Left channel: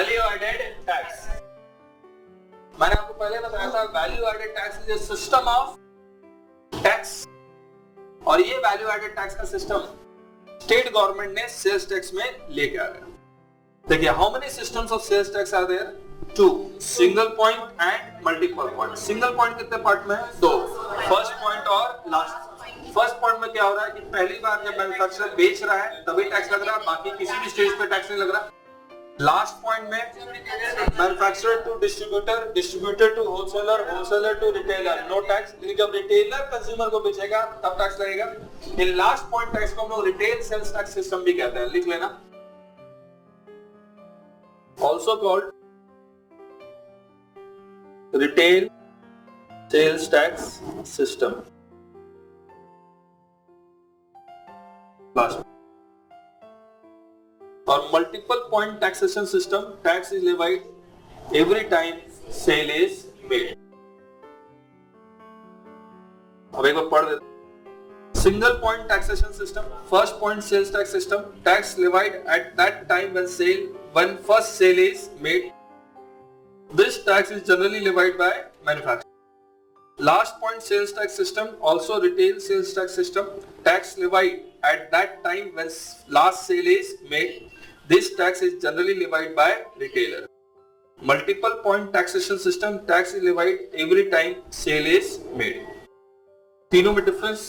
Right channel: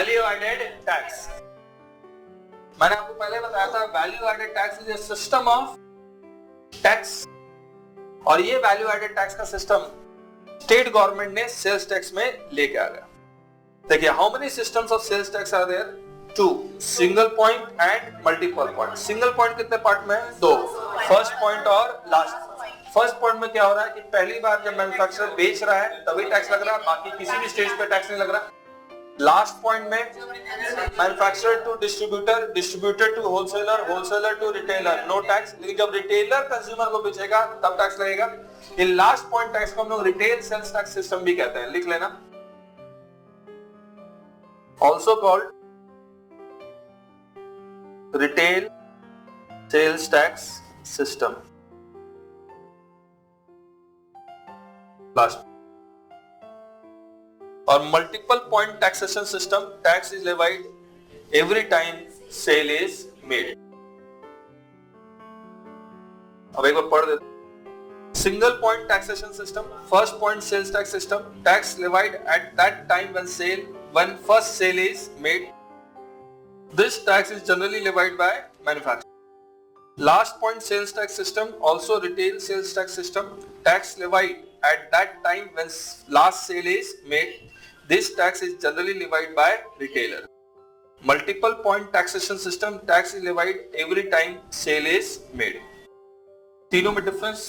Value added tax, मैंने आपको पहले बताया था value added tax is a system of tax, और ये वैल्यू एडेड टैक्स का सिस्टम स्टेट गवर्नमेंट ने सेल्स टैक्स में लेके आ गया। देखिए, how many systems of sales tax are there? 2, single point and multiple point. Single point कितने पार्ट में? 2, फर्स्ट पॉइंट और लास्ट। फर्स्ट पॉइंट में क्या हो रहा है कि पहली बार जब मैन्युफैक्चरर बेच रहा है तभी टैक्स लग रहा है, बाकी किसी भी स्टेज पे टैक्स नहीं लग रहा। लास्ट पॉइंट में manufacturer to distributor, distributor to wholesaler, wholesaler to retailer, no tax. लेकिन जब रिटेलर कंज्यूमर को बेचेगा तब टैक्स लगेगा। ये लास्ट पॉइंट टैक्स को हम लोग रिटेल सेल्स टैक्स सिस्टम भी कहते हैं, लिख लेना। Also called retail sales tax system. Last और multiple point taxation system, tax is levied every time sale is made. अब एक बार पढ़ देते। Single point taxation system, first point sales tax system, tax levied at that time when first sale is made. This tax is generally levied by manufacturer. Last point sales tax system, also retail sales tax system, tax levied at that time when last sale is made. This tax is generally levied by retailer. Multiple point taxation system, tax is levied every time sale is made. तीनों में difference,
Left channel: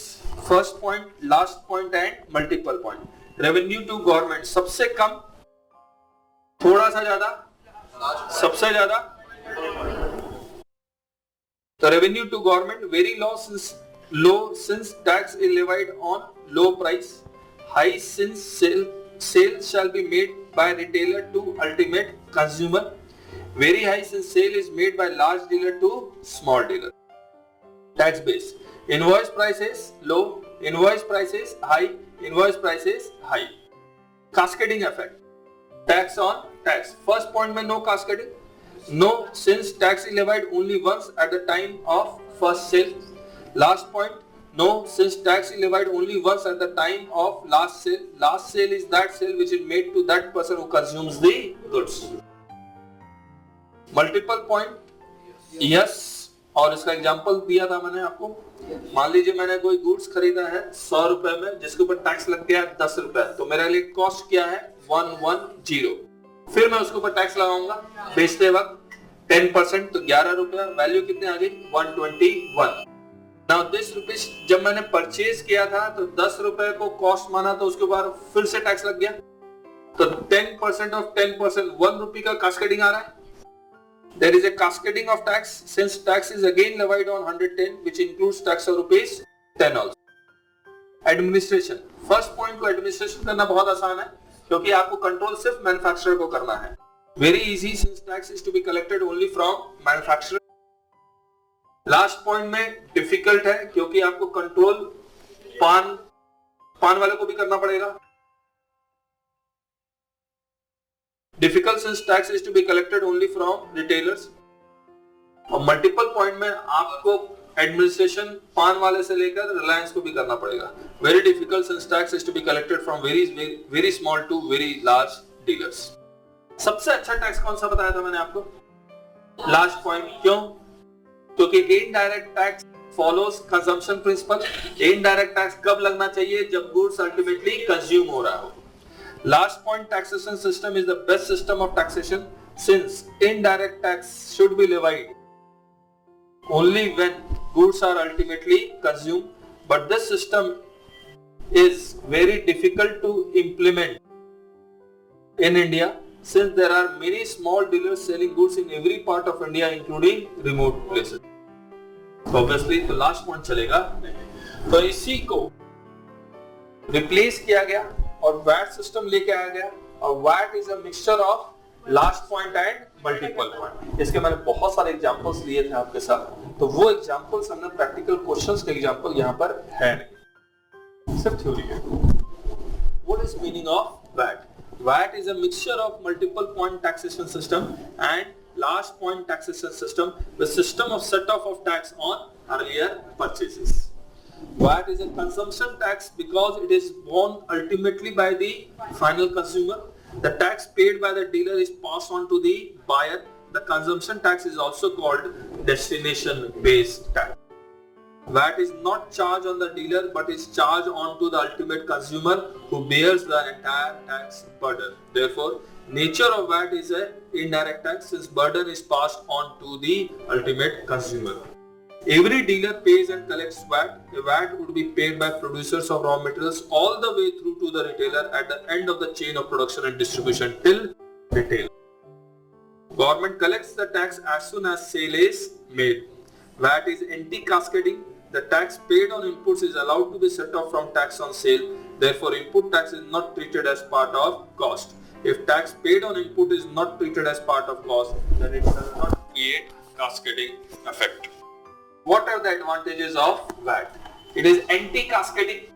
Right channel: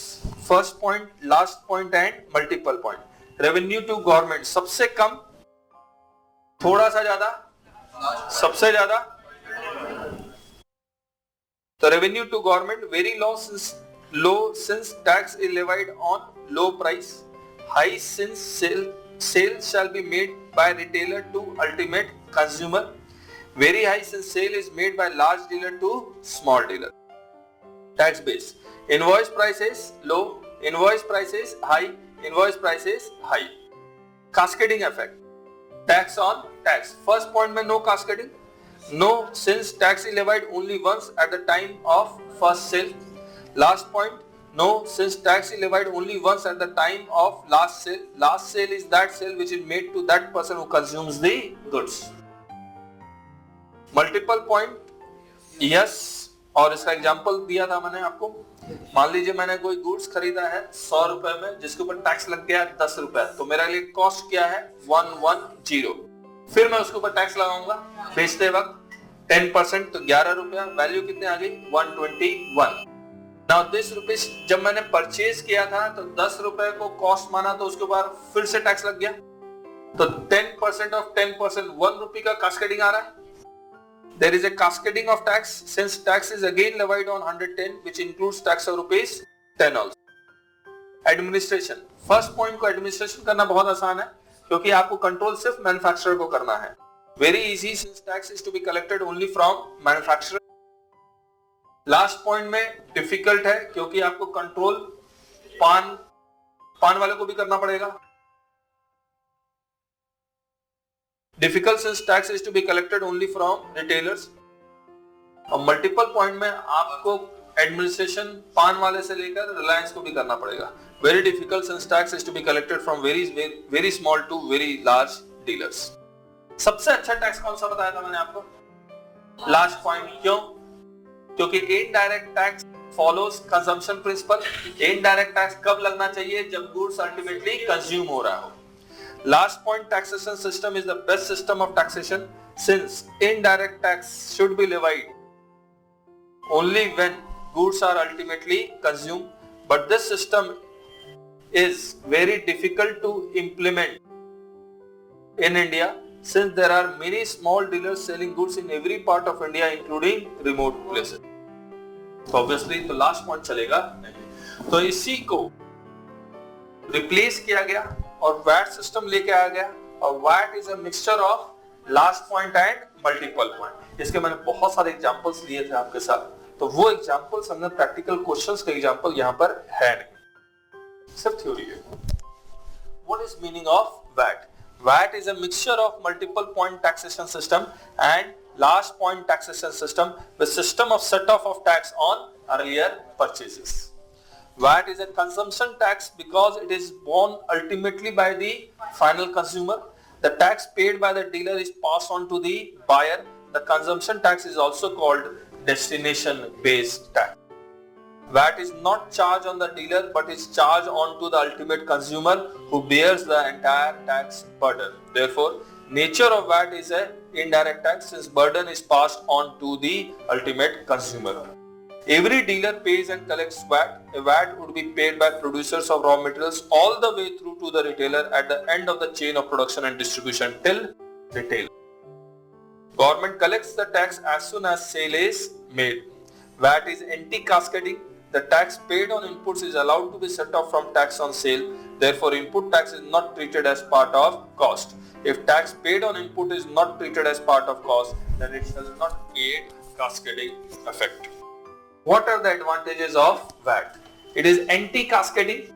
first point, last point and multiple point. Revenue to government, सबसे कम, थोड़ा सा ज्यादा, सबसे ज्यादा। The revenue to government very low since tax is levied on low price, high since sales shall be made by retailer to ultimate consumer, very high since sale is made by large dealer to small dealer. Tax base, invoice price is low, invoice price is high, invoice price is high. Cascading effect, tax on tax. First point में no cascading, no since tax is levied only once at the time of first sale. Last point, no since tax is levied only once at the time of last sale. Last sale is that sale which is made to that person who consumes the goods. Multiple point, yes, और इसका example दिया था मैंने आपको। मान लीजिए मैंने कोई गुड्स खरीदा है 100 रुपए में, जिसके ऊपर टैक्स लग गया 10 रुपए, तो मेरे लिए कॉस्ट क्या है? 110। फिर मैं उसके ऊपर टैक्स लगाऊंगा बेचते वक्त 10%, तो 11 रुपया, वैल्यू कितने आ गई? 121। नाउ दिस रुपीस जब मैंने परचेज किया था तो 10 रुपए को कॉस्ट माना, तो उसके बाद फिर से टैक्स लग गया, तो 10% ऑफ 10%, 1 रुपी का कास्केडिंग आ रहा है। There is a cascading of tax since tax is again levied on 110, which includes tax of rupees 10 also. Administration, first point को एडमिनिस्ट्रेशन करना बहुत आसान है क्योंकि आपको कंट्रोल सिर्फ मैन्युफैक्चरर को करना है। Very easy since tax is to be collected only from manufacturer. Last point में डिफिकल्ट है क्योंकि आपको कंट्रोल पान वाले को भी करना पड़ेगा। Difficult since tax is to be collected only from retailers. और मल्टीपल पॉइंट में आपको एडमिनिस्ट्रेशन पान वाले से लेकर रिलायंस को भी करना पड़ेगा। Very difficult since tax is to be collected from very small to very large dealers. सबसे अच्छा टैक्स कौन सा बताया था मैंने आपको? Last point. क्यों? क्योंकि indirect tax follows consumption principle. Indirect tax कब लगना चाहिए? जब गुड्स अल्टीमेटली कंज्यूम हो रहा हो। Last point taxation system is the best system of taxation since indirect tax should be levied only when goods are ultimately consumed, but this system is very difficult to implement in India since there are many small dealers selling goods in every part of India including remote places. So obviously तो last point चलेगा नहीं, तो इसी को replace किया गया और VAT system लेके आ गया, और VAT is a mixture of last point and multiple point. इसके मैंने बहुत सारे एग्जांपल्स लिए थे आपके साथ, तो वो एग्जांपल्स हमने प्रैक्टिकल क्वेश्चंस के एग्जांपल यहाँ पर है नहीं, सिर्फ थ्योरी है। What is meaning of VAT? VAT is a mixture of multiple point taxation system and last point taxation system with system of set off tax on earlier purchases. VAT is a consumption tax because it is borne ultimately by the final consumer. The tax paid by the dealer is passed on to the buyer. The consumption tax is also called destination-based tax. VAT is not charged on the dealer but is charged on to the ultimate consumer who bears the entire tax burden. Therefore, nature of VAT is an indirect tax since burden is passed on to the ultimate consumer. Every dealer pays and collects VAT. A VAT would be paid by producers of raw materials all the way through to the retailer at the end of the chain of production and distribution till retail. Government collects the tax as soon as sale is made. VAT is anti-cascading. The tax paid on inputs is allowed to be set off from tax on sale. Therefore, input tax is not treated as part of cost. If tax paid on input is not treated as part of cost, then it does not create cascading effect. What are the advantages of VAT? It is anti-cascading,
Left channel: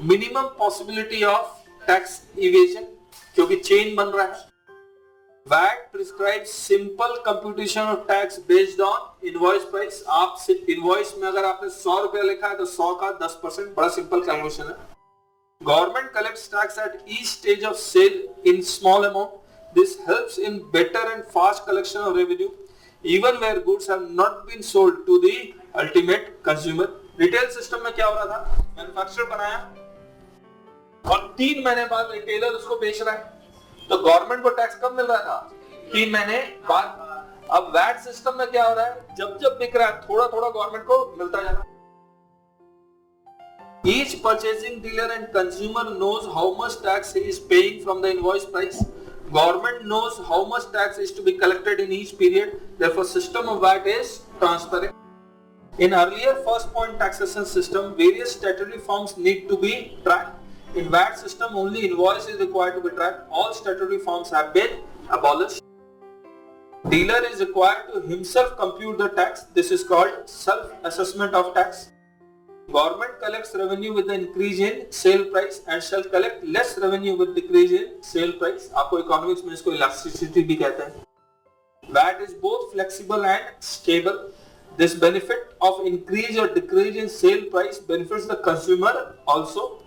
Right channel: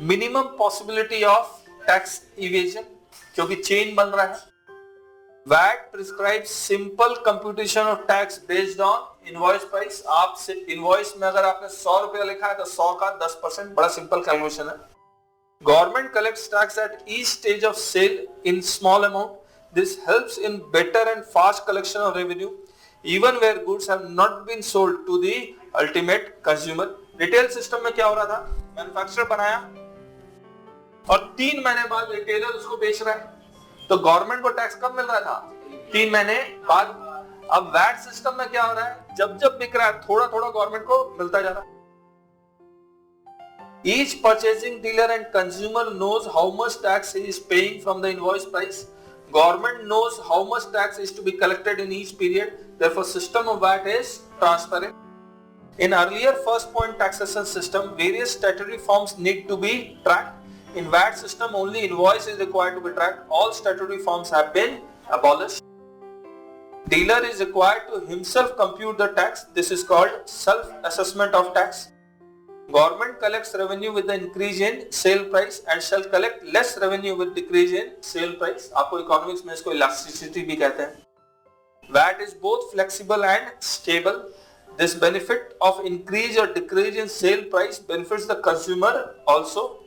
minimum possibility of tax evasion क्योंकि chain बन रहा है. VAT prescribes simple computation of tax based on invoice price. आप invoice में अगर आपने 100 रुपया लिखा है तो 100 का 10%, बड़ा simple calculation है. Government collects tax at each stage of sale in small amount. This helps in better and fast collection of revenue, even where goods have not been sold to the ultimate consumer. Retail system में क्या हो रहा था? Manufacturer बनाया और 3 महीने बाद retailer उसको बेच रहा है. तो गवर्नमेंट को टैक्स कब मिल रहा था? 3 महीने बाद. अब वैट सिस्टम में क्या हो रहा है? जब जब बिक रहा है थोड़ा थोड़ा गवर्नमेंट को मिलता जा रहा है. Each purchasing dealer and consumer knows how much tax he is paying from the invoice price. Government knows how much tax is to be collected in each period. Therefore, system of VAT is transparent. In earlier first point taxation system, various statutory forms need to be tracked. In VAT system, only invoice is required to be tracked. All statutory forms have been abolished. Dealer is required to himself compute the tax. This is called self-assessment of tax. Government collects revenue with the increase in sale price and shall collect less revenue with decrease in sale price. आपको economics में इसको elasticity भी कहते हैं. VAT is both flexible and stable. This benefit of increase or decrease in sale price benefits the consumer also.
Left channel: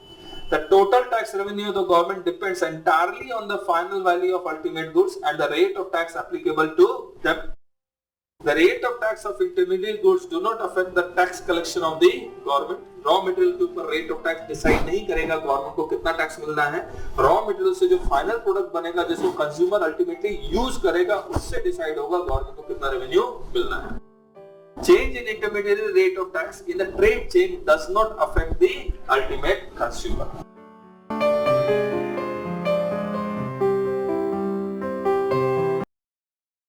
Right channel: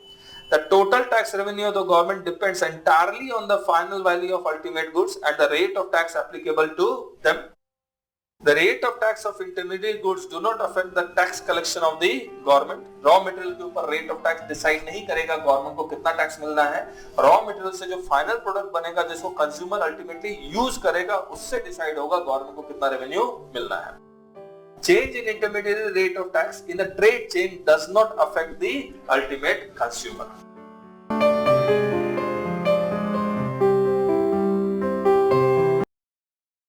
The total tax revenue of the government depends entirely on the final value of ultimate goods and the rate of tax applicable to them. The rate of tax of intermediate goods do not affect the tax collection of the government. Raw material के ऊपर rate of tax decide नहीं करेगा government को कितना tax मिलना है. Raw material से जो final product बनेगा जिसको consumer ultimately use करेगा उससे decide होगा government को कितना revenue मिलना है. Change in intermediary rate of tax in the trade chain does not affect the ultimate consumer.